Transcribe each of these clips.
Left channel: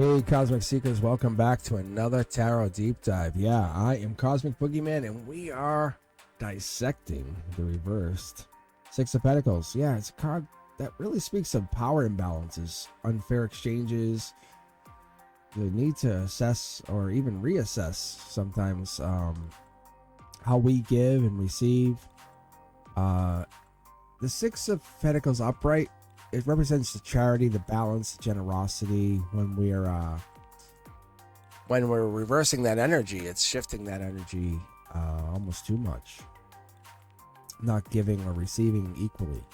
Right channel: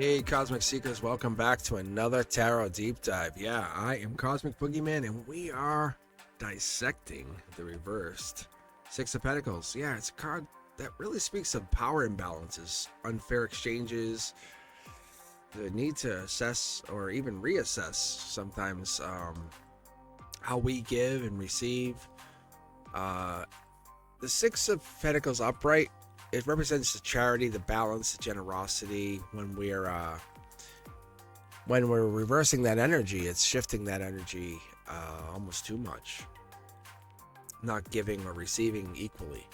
Hey, Cosmic Seekers, welcome back to another Tarot Deep Dive. Yeah, I am Cosmic Boogeyman, and we are dissecting the reversed Six of Pentacles. Yeah, it's a card that really speaks of power imbalances, unfair exchanges, the need to assess or even reassess sometimes how we give and receive. The Six of Pentacles upright, it represents the charity, the balance, the generosity. When we're reversing that energy, it's shifting that energy almost too much, not giving or receiving equally,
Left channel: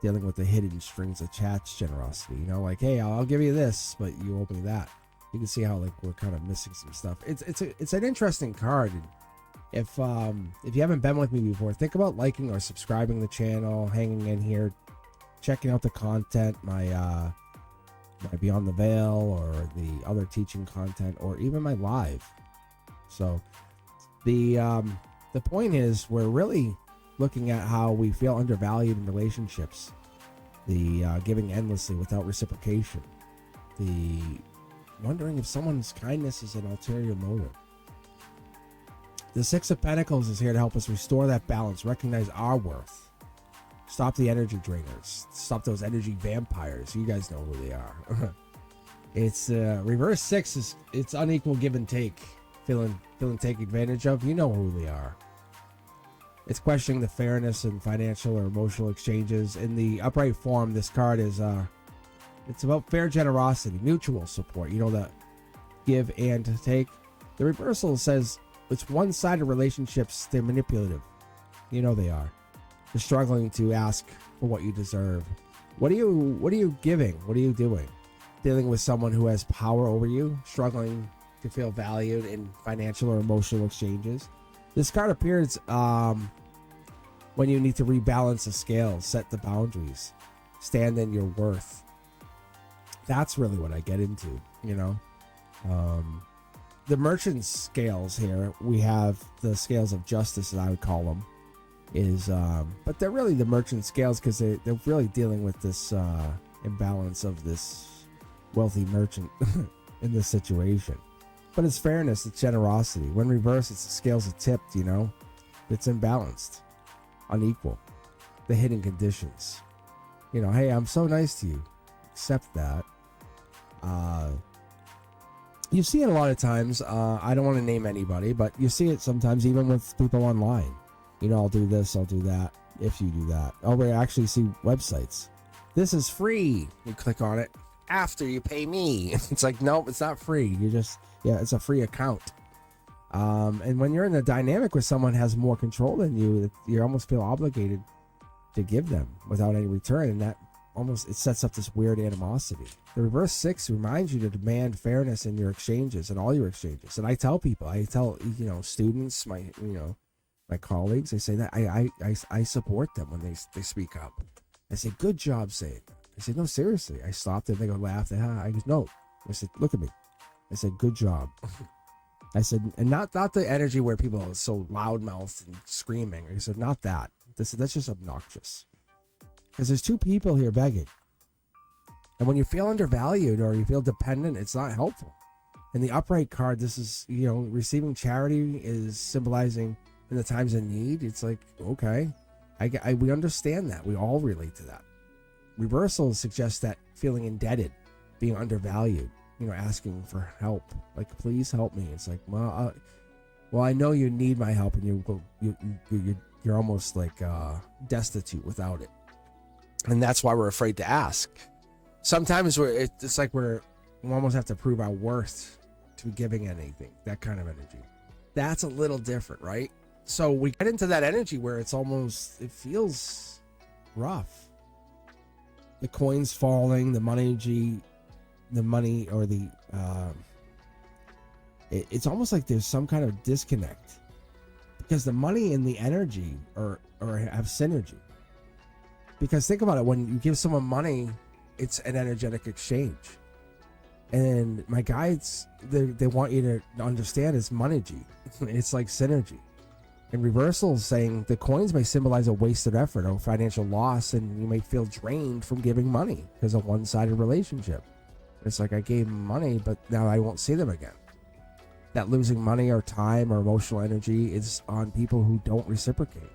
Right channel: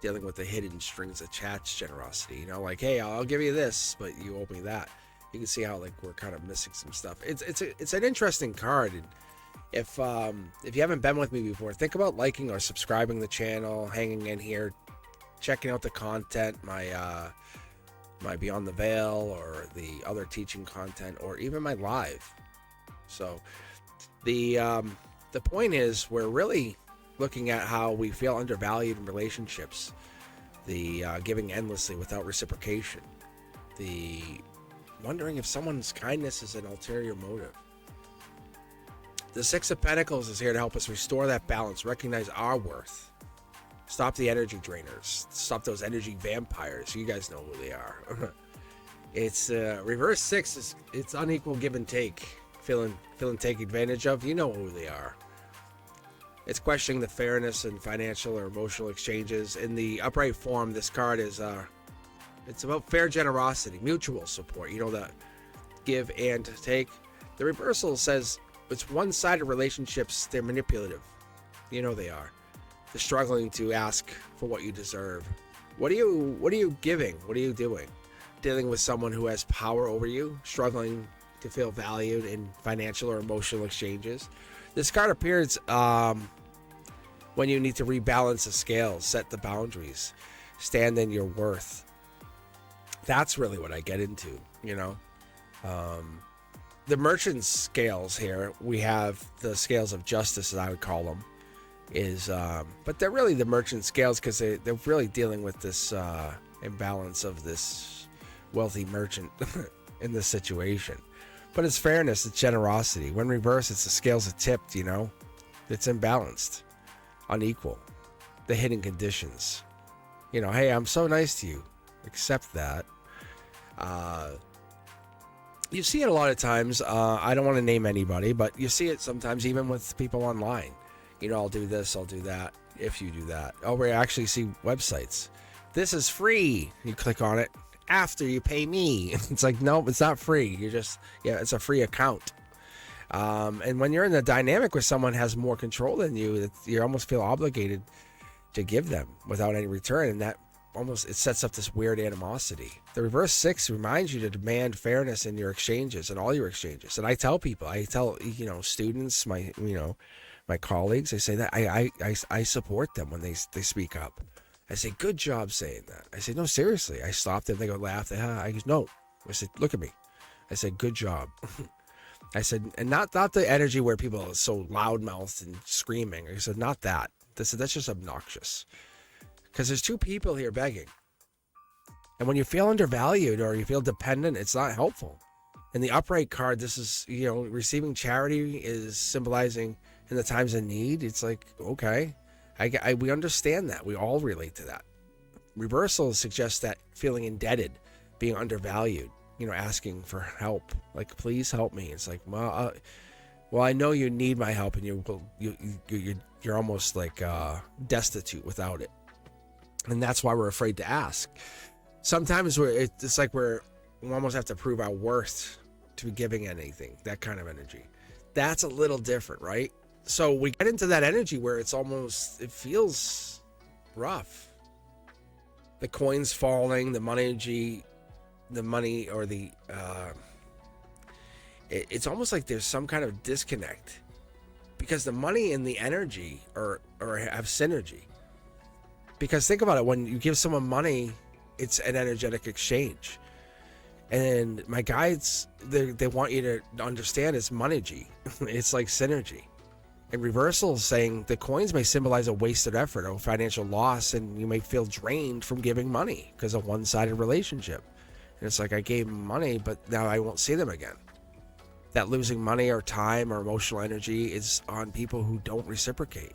dealing with the hidden strings attached generosity. You know, like, hey, I'll give you this, but you owe me that. You can see how like we're kind of missing some stuff. It's an interesting card. And if you haven't been with me before, think about liking or subscribing the channel, hanging in here, checking out the content, my Beyond the Veil or the other teaching content, or even my live. So the point is, we're really looking at how we feel undervalued in relationships, the giving endlessly without reciprocation, the wondering if someone's kindness is an ulterior motive. The Six of Pentacles is here to help us restore that balance, recognize our worth, stop the energy drainers, stop those energy vampires. You guys know who they are. It's reverse six, it's unequal give and take, feeling taken advantage of. You know who they are. It's questioning the fairness in financial or emotional exchanges. In the upright form, this card is it's about fair generosity, mutual support. You know, that give and take. The reversal says it's one-sided relationships. They're manipulative. You know they are. They're struggling to ask for what you deserve. What are you giving? What are you doing? Dealing with someone who has power over you, struggling to feel valued in financial or emotional exchanges. This card appears when you need to rebalance the scales, set the boundaries, stand in your worth. That's really what I get into, you know. The merchant scales here, we have the scales of justice, as I would call them, but they're really the merchant scales because they're really dealing with this imbalance of this wealthy merchant in this situation. But it's fairness, it's generosity. When reversed, it's the scales are tipped, you know. It's imbalanced, unequal, the hidden conditions. You know, hey, I'm so nice to you. Accept that. You see it a lot of times. I don't want to name anybody, but you see it sometimes even with people online. You know, I'll do this, I'll do that, if you do that. Oh, we actually see websites. This is free. You click on it after you pay me. It's like, nope, it's not free. It's a free account. And when you're in the dynamic where someone has more control than you, you almost feel obligated to give them without any return. And that it sets up this weird animosity. The reverse six reminds you to demand fairness in your exchanges and all your exchanges. And I tell people, you know, students, my colleagues, I say that I support them when they speak up. I say, good job saying that. I say, no, seriously. I stop them. They go laugh. I go, no. I said, look at me. I said, good job. I said, and not the energy where people are so loudmouthed and screaming. I said, not that. That's just obnoxious. Because there's two people here begging. And when you feel undervalued or you feel dependent, it's not helpful. In the upright card, this is, you know, receiving charity is symbolizing in the times of need. It's like, okay, we understand that. We all relate to that. Reversal suggests that feeling indebted, being undervalued, you know, asking for help, like, please help me. It's like, well, I know you need my help, and you're almost like destitute without it. And that's why we're afraid to ask. Sometimes it's like we almost have to prove our worth to be giving anything, that kind of energy. That's a little different, right? So we get into that energy where it feels rough. The coins falling, the money, or it's almost like there's some kind of disconnect because the money and the energy or have synergy. Because think about it, when you give someone money, it's an energetic exchange. And my guides, they want you to understand it's monergy. It's like synergy. And reversal is saying the coins may symbolize a wasted effort or financial loss, and you may feel drained from giving money because of one-sided relationship. And it's like, I gave them money, but now I won't see them again. That losing money or time or emotional energy is on people who don't reciprocate,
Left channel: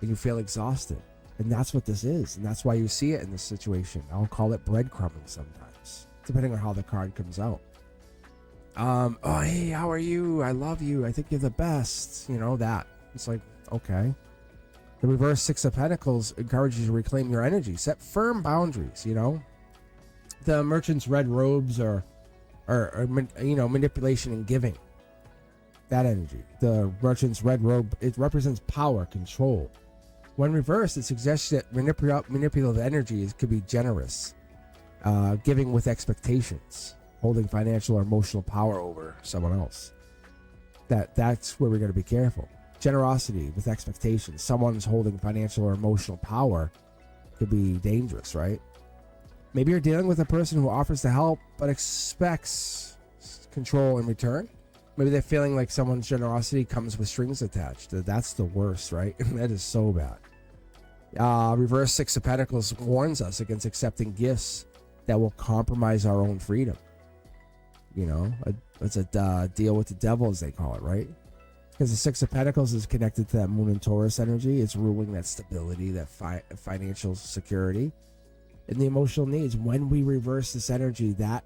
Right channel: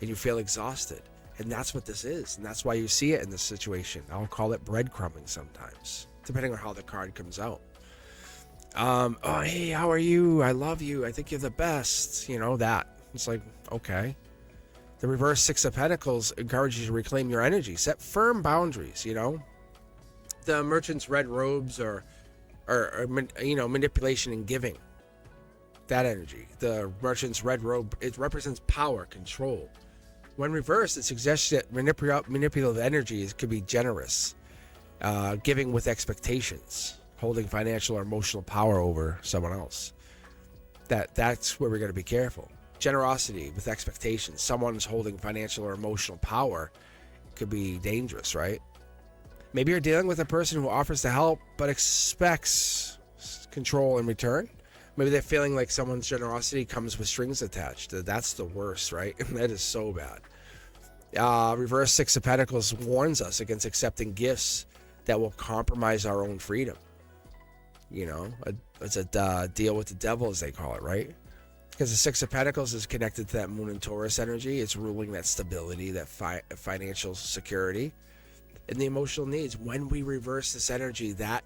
and you feel exhausted. And that's what this is. And that's why you see it in this situation. I'll call it breadcrumbing sometimes, depending on how the card comes out. Oh, hey, how are you? I love you. I think you're the best. You know, that. It's like, okay. The reverse Six of Pentacles encourages you to reclaim your energy. Set firm boundaries, you know. The Merchant's red robes or you know, manipulation and giving. That energy. The Merchant's red robe, it represents power, control. When reversed, it suggests that manipulative energy could be generous, giving with expectations, holding financial or emotional power over someone else. That's where we're going to be careful. Generosity with expectations. Someone's holding financial or emotional power could be dangerous, right? Maybe you're dealing with a person who offers to help but expects control in return. Maybe they're feeling like someone's generosity comes with strings attached. That's the worst, right? That is so bad. Reverse Six of Pentacles warns us against accepting gifts that will compromise our own freedom. You know, it's a deal with the devil, as they call it, right? Because the Six of Pentacles is connected to that Moon and Taurus energy. It's ruling that stability, that financial security, and the emotional needs. When we reverse this energy, that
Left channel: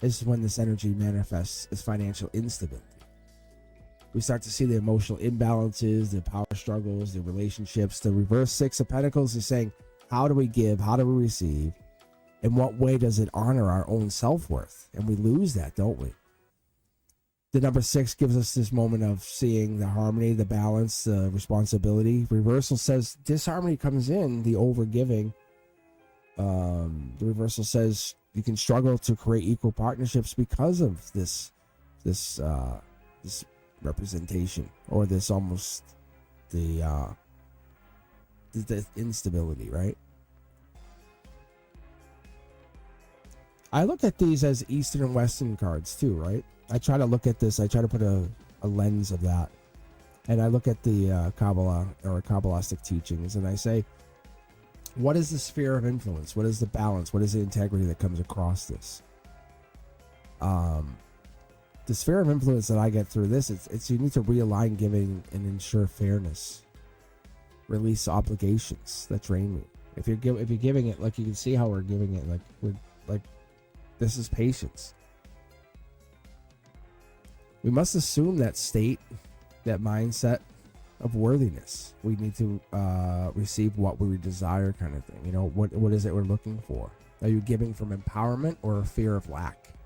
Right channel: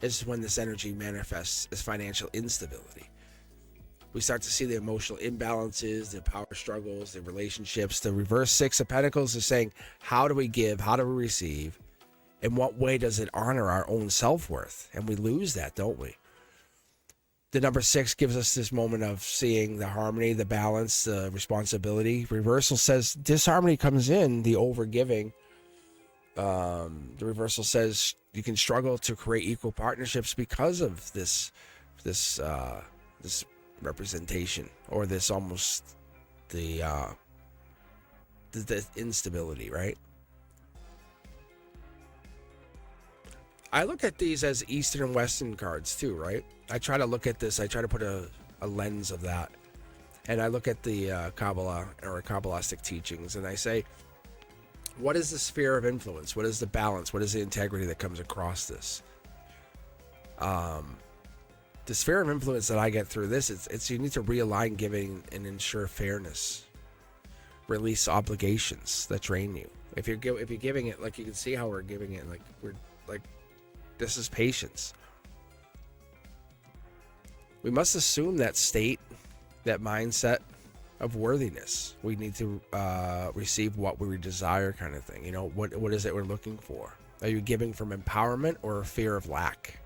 is when this energy manifests as financial instability. We start to see the emotional imbalances, the power struggles, the relationships. The reverse Six of Pentacles is saying, how do we give? How do we receive? In what way does it honor our own self-worth? And we lose that, don't we? The number 6 gives us this moment of seeing the harmony, the balance, the responsibility. Reversal says disharmony comes in, the overgiving. The reversal says you can struggle to create equal partnerships because of this representation, or this almost the instability, right? I look at these as Eastern and Western cards too, right? I try to look at this, I try to put a lens of that. And I look at the Kabbalah or Kabbalistic teachings, and I say, what is the sphere of influence? What is the balance? What is the integrity that comes across this? The sphere of influence that I get through this, it's you need to realign giving and ensure fairness. Release obligations that drain you. If you're giving it, like you can see how we're giving it, like we're like, this is patience. We must assume that state, that mindset of worthiness. We need to receive what we desire, kind of thing. You know, what is it we're looking for? Are you giving from empowerment or a fear of lack?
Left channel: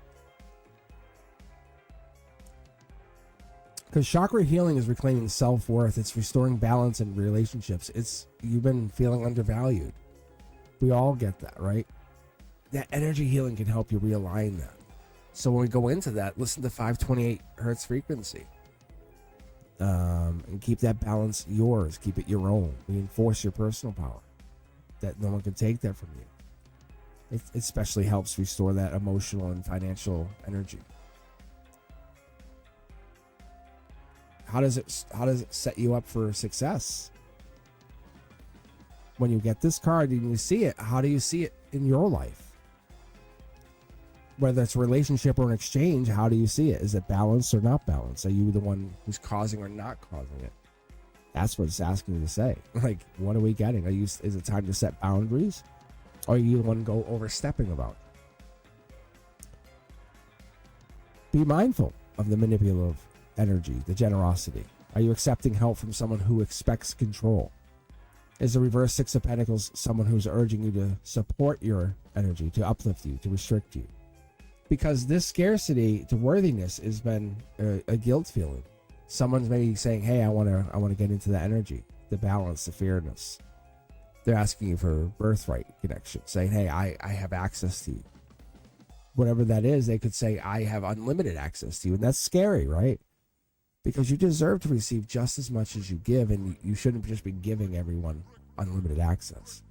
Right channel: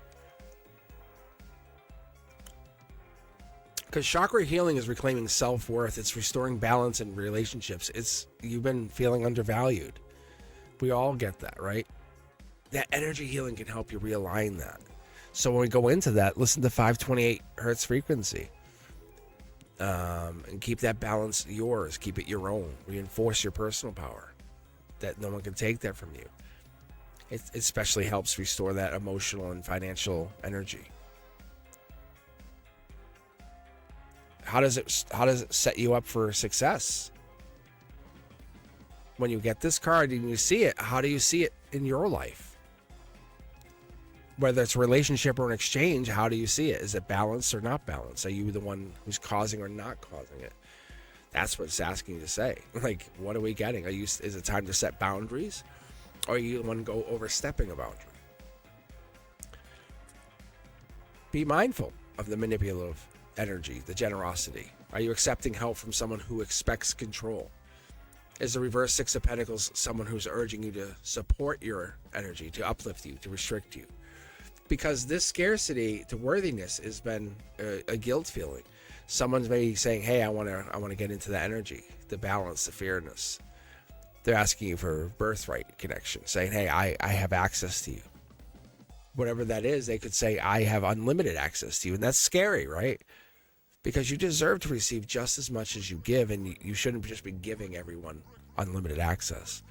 Because chakra healing is reclaiming self-worth. It's restoring balance in relationships. You've been feeling undervalued. We all get that, right? That energy healing can help you realign that. So when we go into that, listen to 528 hertz frequency. And keep that balance yours. Keep it your own. Reinforce your personal power. That no one can take that from you. It especially helps restore that emotional and financial energy. How does it set you up for success? When you get this card and you see it, how do you see it in your life? Whether it's a relationship or an exchange, how do you see it? Is it balanced or not balanced? Are you the one who's causing or not causing it? That's what it's asking you to say. Like, what are we getting? Is it time to set boundaries? Or are you the one go overstepping a boundary? Be mindful of the manipulative energy, the generosity. Are you accepting help from someone who expects control? Is the reverse Six of Pentacles someone who's urging you to support your energy, to uplift you, to restrict you? Because this scarcity to worthiness has been a guilt feeling. Someone's maybe saying, hey, I want to get into the energy, the balance, the fairness. They're asking you for birthright connection, saying, hey, I have access to you. Whatever that is, they could say, I have unlimited access to you. And that's scary, right? Because you deserve to receive just as much as you give, and you shouldn't just be giving everyone unlimited access.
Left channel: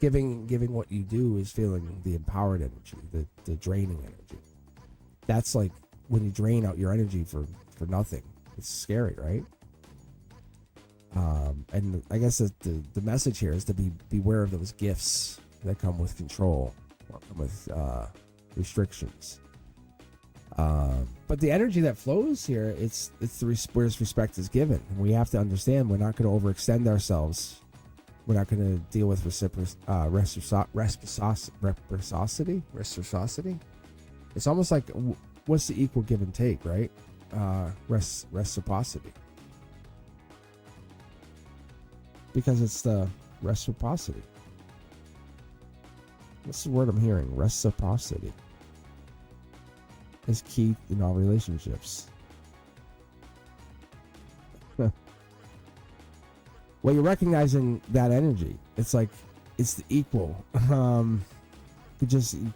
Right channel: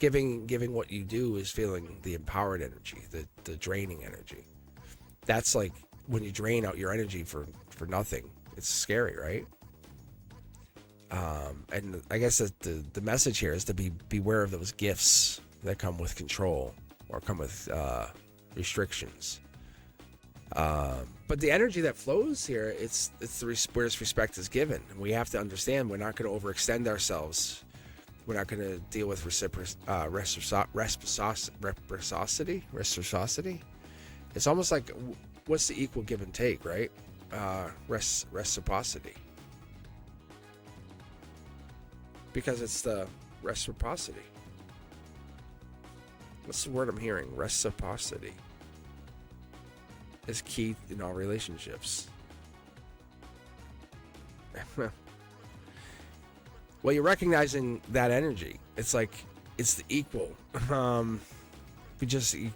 Giving what you do is feeling the empowered energy, the draining energy. That's like when you drain out your energy for nothing. It's scary, right? And I guess the message here is to beware of those gifts that come with control or come with restrictions. But the energy that flows here, it's where respect is given. And we have to understand we're not going to overextend ourselves. We're not going to deal with reciprocity. It's almost like, what's the equal give and take, right? Reciprocity. Because it's the reciprocity. What's the word I'm hearing? Reciprocity is key in all relationships. Well, you're recognizing that energy. It's like, it's the equal. You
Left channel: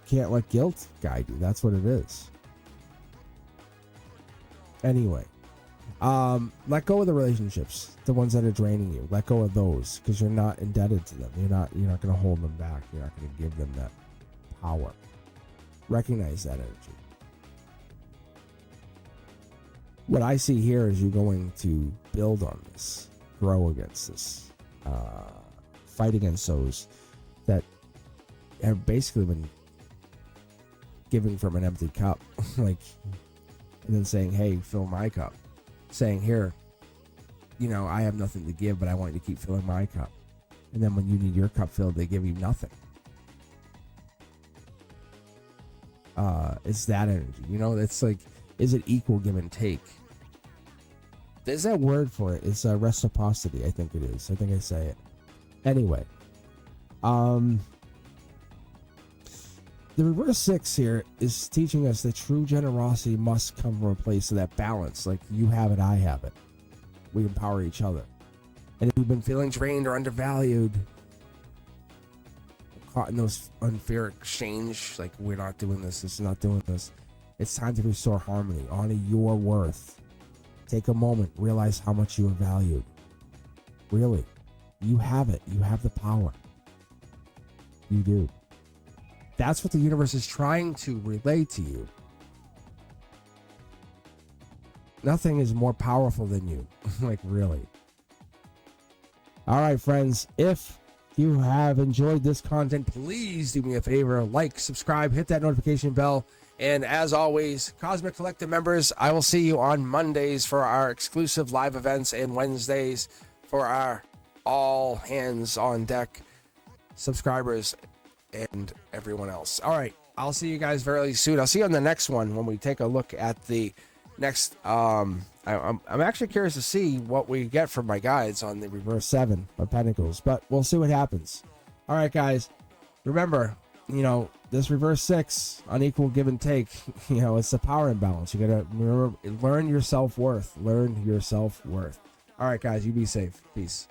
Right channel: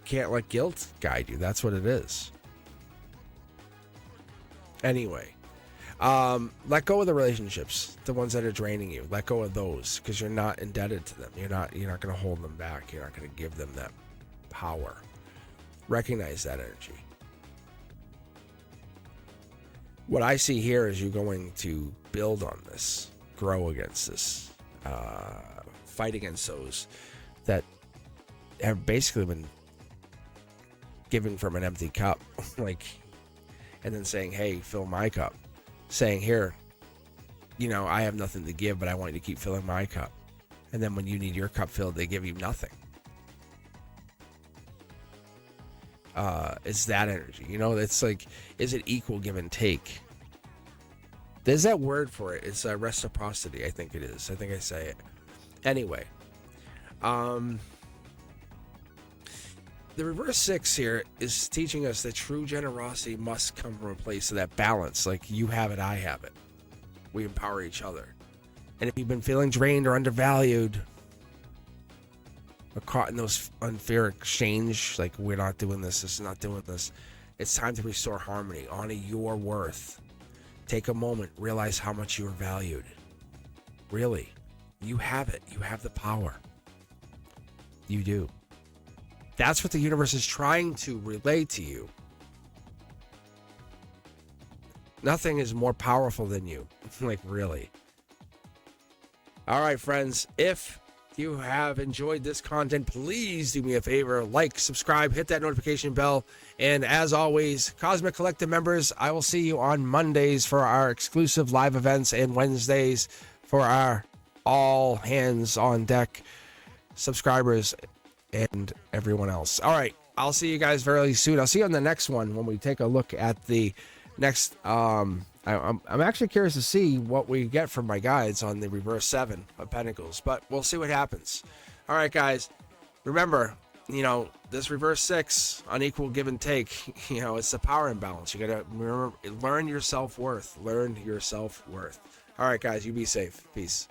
can't let guilt guide you. That's what it is. Anyway, let go of the relationships, the ones that are draining you. Let go of those, because you're not indebted to them. You're not going to hold them back. You're not going to give them that power. Recognize that energy. What I see here is you going to build on this, grow against this, fight against those that have basically been given from an empty cup, like, and then saying, hey, fill my cup. Saying, here, I have nothing to give, but I want you to keep filling my cup. And then when you need your cup filled, they give you nothing. It's that energy. It's like, is it equal give and take? There's that word for it. It's reciprocity, I think it is. I think I say it. Anyway. The reverse 6 here is teaching us that true generosity must come from a place of that balance. Like, you have it, I have it. We empower each other. And if you've been feeling drained or undervalued, or caught in those unfair exchange, like, we're not doing this is not doing this, it's time to restore harmony. Honor your worth. Take a moment. Realize how much you are valued. Really. You have it. You have the power. You do. That's what the universe is trying to relay to you. Nothing is more powerful than you. Like, really. All right, friends. If you have enjoyed this content, please do me a favor. Like, subscribe, hit that notification bell. And as always, Cosmic Collective members, I will see you on Mondays for our exclusive live events and Wednesdays for our all hands on deck subscribers and everyone else. All right, I'll see you guys very soon. I'll see you on the next one when we take a look at the next. I'm actually curious to see what we get from my guides on the reverse 7 of Pentacles, but we'll see what happens. All right, guys, remember, this reverse 6, unequal give and take, it's a power imbalance. You gotta remember, learn your self-worth. All right, guys, you be safe. Peace.